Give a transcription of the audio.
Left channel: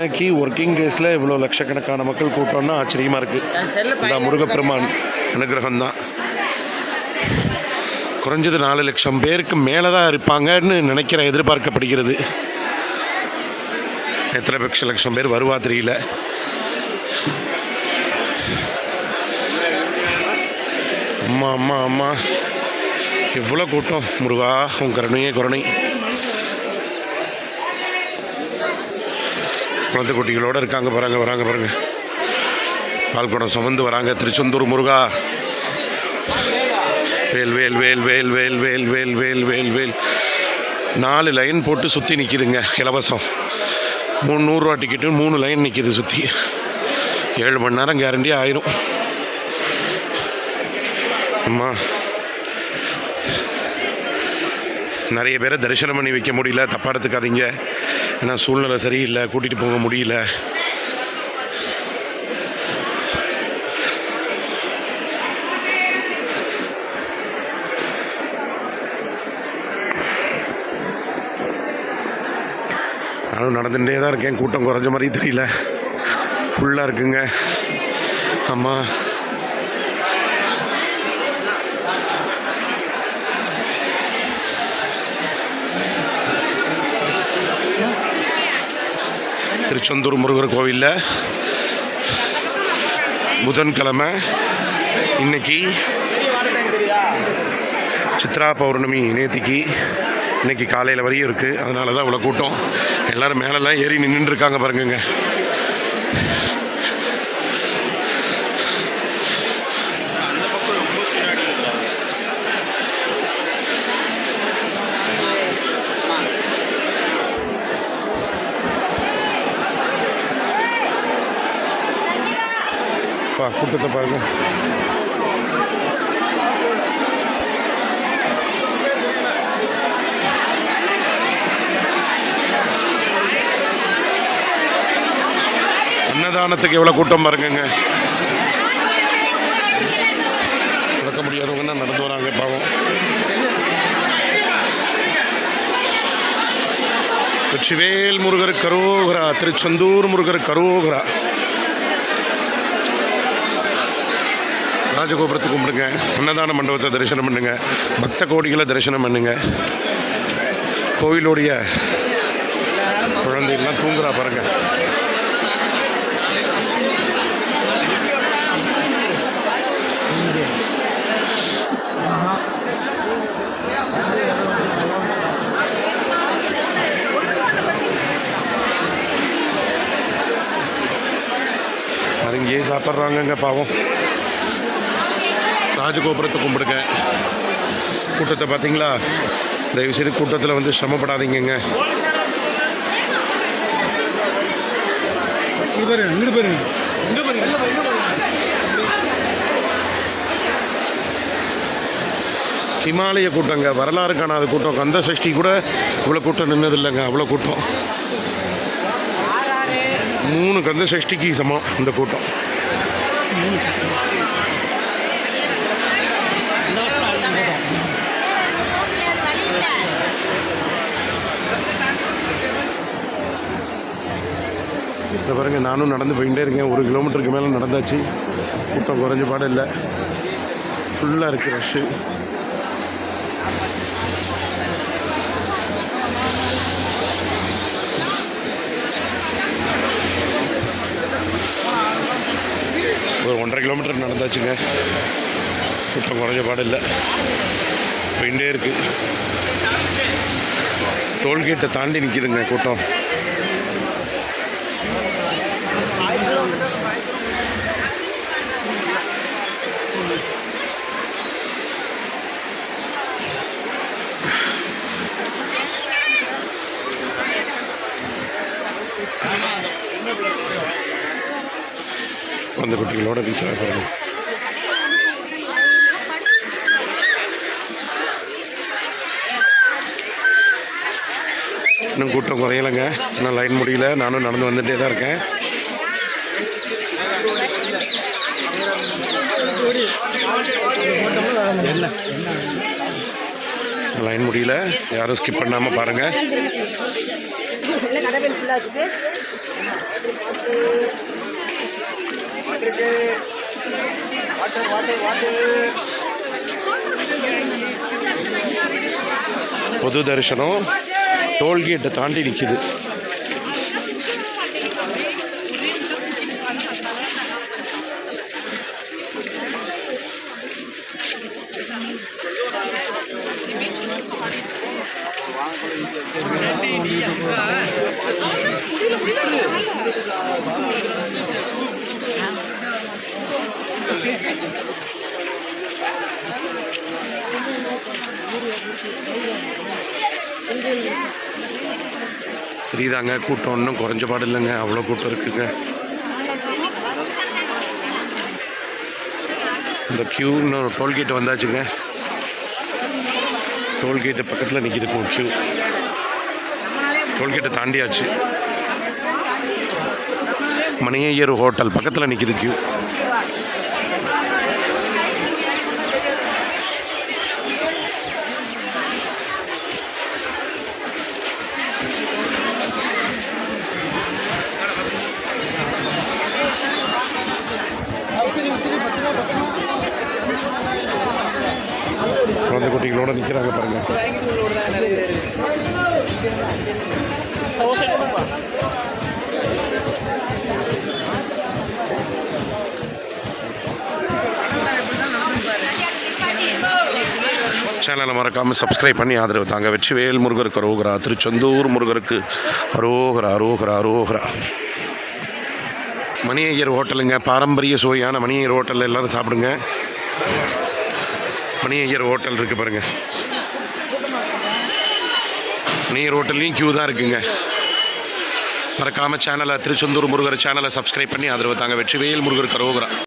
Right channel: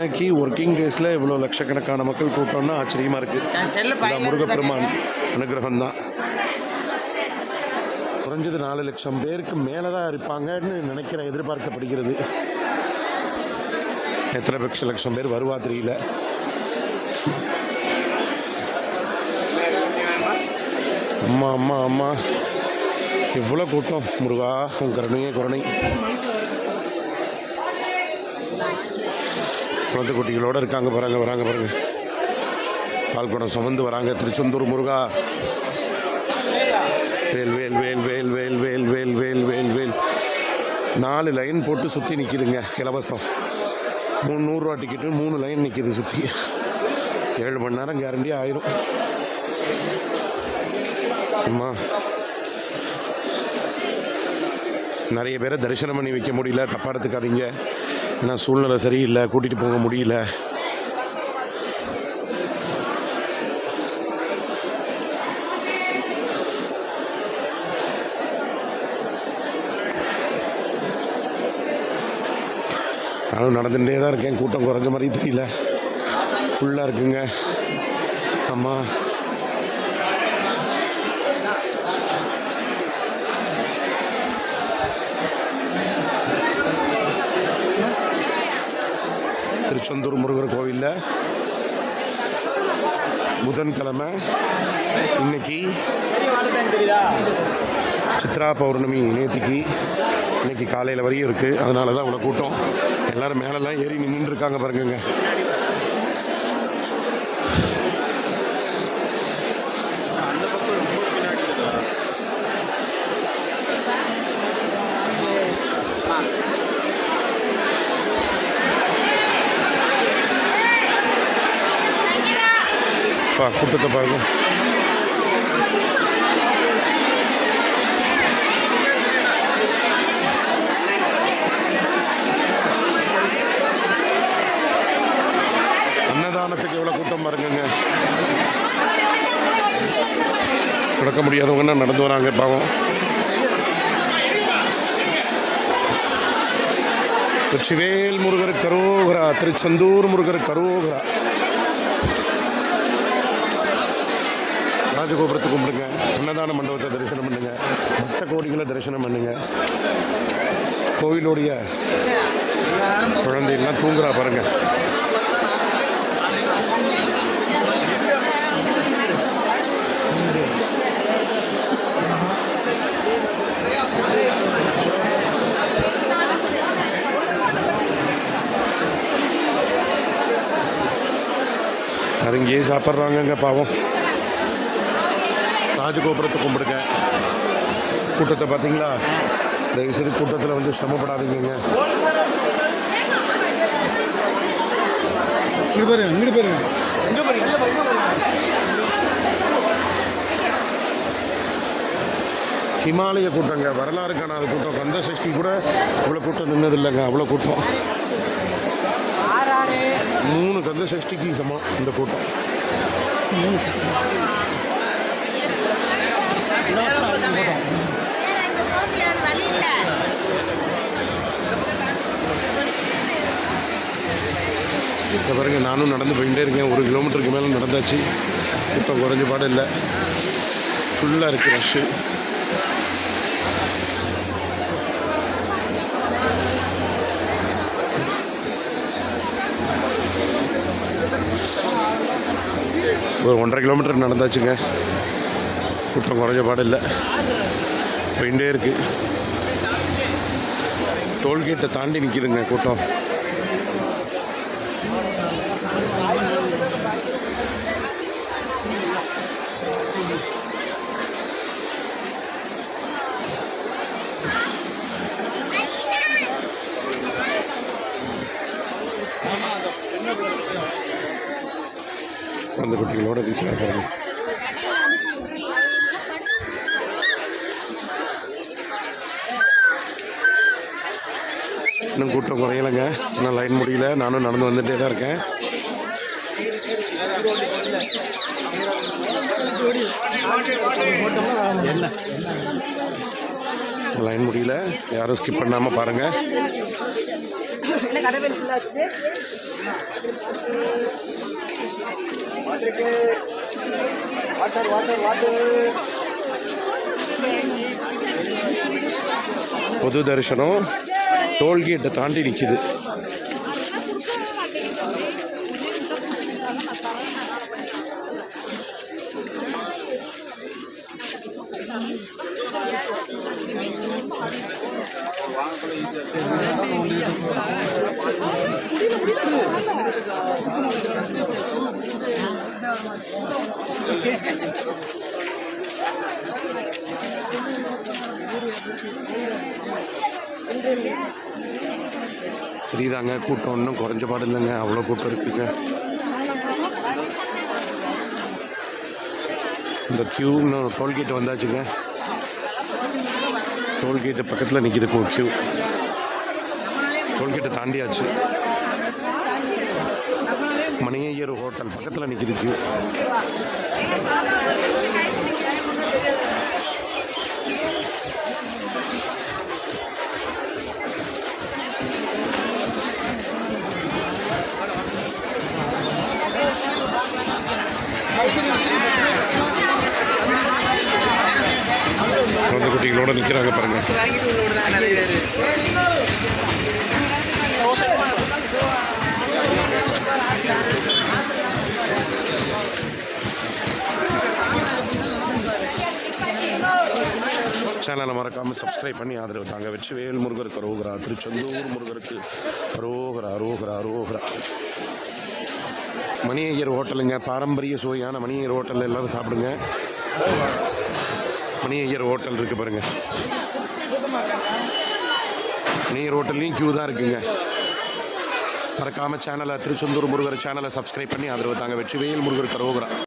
இன்னைக்கு ஒர்க்கிங் டேஸில் இவ்வளோ லட்சக்கணக்கான மக்கள் கூட்டம்னா ஆச்சரியமாக இருக்குது. இந்த முருகப்பெருமான் அனுகிரகம் தான். குறைஞ்சது 4 லட்சம் பேருக்கு மேலே தான் இருப்பாங்கன்னு நினைக்கிறேன், எதிர்பார்க்கப்படுகிறது. எத்தனை லட்சம் பேர் வருவா தெரியல. அம்மா அம்மா அம்மா எவ்வளோ கூட்டம்! முருகா உன் கருணையே கருணை. குழந்தை குட்டிகளோடு இருக்காங்க வராங்க பாருங்க. பால்குடம் சுமந்து வராங்க. திருச்செந்தூர் முருகா வேல் வேல் வேல் வேல் வேல் வேல் வேல் வேல் வேல் வேல். 4 லைன் போட்டு சுற்றி நிற்கிதுங்க, இலவசம். 300 ரூபா டிக்கெட்டு 3 லைன் நிற்கிது சுற்றி. 7 மணி நேரம் கேரண்டியாக ஆயிரும். அம்மா நிறைய பேரை தரிசனம் பண்ணி வைக்க முடியல, தப்பாக எடுத்துக்காதீங்க. ஏன்னா சூழ்நிலை சரியில்லை, கூட்டிகிட்டு போக முடியல. நானும் நடந்துகிட்டே தான் இருக்கேன். கூட்டம் குறைஞ்ச மாதிரி தெரியல, ஃபுல்லாக இருக்குங்க. அம்மா திருச்செந்தூர் முருகர் கோவிலில் புதன்கிழமை இன்னைக்கு சித்ரா பௌர்ணமி. நேத்திக்கு இன்னைக்கு காலையில் வரையும் இருக்குது. அதனால தான் இவ்வளோ கூட்டம். எல்லோரும் மேலெல்லாம் ஏறி நின்றுருக்காங்க பாருங்க. கூட்டத்தை பாருங்க. அன்னதானத்துக்கு எவ்வளோ கூட்டம் பாருங்க. நடக்க முடியாதவங்கன்னா நடந்து வராங்க பாவம். வெற்றிவேல் முருகர் கரோகரா, திருச்செந்தூர் முருகர் கரோகரா. ராஜகோபுரத்தை கும்பிடுங்க, அன்னதான மண்டபத்தை தரிசனம் பண்ணுங்க, பக்த கோடிகளை தரிசனம் பண்ணுங்க. கோவிலுடைய குழந்தைகள்லாம் தூங்குறா பாருங்க. அங்கேயே சாப்பிட்றாங்கங்க பாவம். ராஜகோபுரத்தை கும்பிடுங்க. கூட்டத்தை பார்த்தீங்களா? தயவுசெய்து கூட்டத்தில் வந்து சிரமப்படாதீங்க. ஹிமாலய கூட்டங்க, வரலாறு காணாத கூட்டம். கந்த சஷ்டி கூட இவ்வளோ கூட்டம் நின்னது இல்லைங்க, அவ்வளோ கூட்டம். 3 கந்த சஷ்டிக்கு சமம் இந்த கூட்டம். இதை பாருங்க, நானும் நடந்து போயிட்டே இருக்கேன். 1 கிலோமீட்டருக்கு மேலே நடந்தாச்சு. கூட்டம் குறைஞ்ச பாடம் இல்லை, ஃபுல்லாக இருக்குது ரஷ்ஷு. ஒரு 1.5 கிலோமீட்டர் நடந்தாச்சுங்க. கூட்டம் குறைஞ்ச பாடம் இல்லை, போயிட்டே இருக்குது. டோல்கேட்டை தாண்டி நிற்கிதுங்க கூட்டம். குழந்தை குட்டிகளோட நிற்கிறாங்க பாருங்க. இன்னும் கூட்டம் குறையலைங்க, இன்னும் லைன் முடியல. நானும் நடந்து வந்துகிட்டே தான் இருக்கேன். லைன் முடியல, யாரும் ஸ்கிப் பண்ணாமல் பாருங்கள். பொது தரிசனம் டோல்கேட்டை தாண்டி நிற்கிது. தெரியுதாங்க, கூட்டம் ஒன்றும் குறைஞ்ச பாடு இல்லைங்க, அவ்வளோ கூட்டம் இருக்குங்க. இந்த க்யூ இன்னும் டோல்கேட் வந்தாச்சுங்க. டோல்கேட்டு பக்கத்தில் நிற்கிது க்யூ. டோல்கேட்டை தாண்டியாச்சு. மணியையர் ஹோட்டல் பக்கத்தில் நிற்கிது க்யூ. குழந்தை குட்டிகளோட நிற்கிறாங்க பாருங்க. சேனலை மறக்காமல் சப்ஸ்கிரைப் பண்ணி ஆதரவு தாங்க. வெற்றிவேல் முருகருக்கு அரோகரா. திருச்செந்தூர் முருகருக்கு அரோகரா அரோகரா அரோகரா. மணியையர் ஹோட்டலுங்க, பாரம்பரிய சுவையான மணியையர் ஹோட்டலில் எல்லோரும் சாப்பிடுங்க. மணியையர் ஹோட்டல் இருக்குது பாருங்கள். மணியையர் ஹோட்டல்லையும் க்யூ தான் இருக்குங்க. மறக்காமல் சேனலை திருச்செந்தூர் முருகர் சேனலை சப்ஸ்கிரைப் பண்ணி ஆதரவு தாங்க. வெற்றிவேல் முருகருக்கு அரோகரா.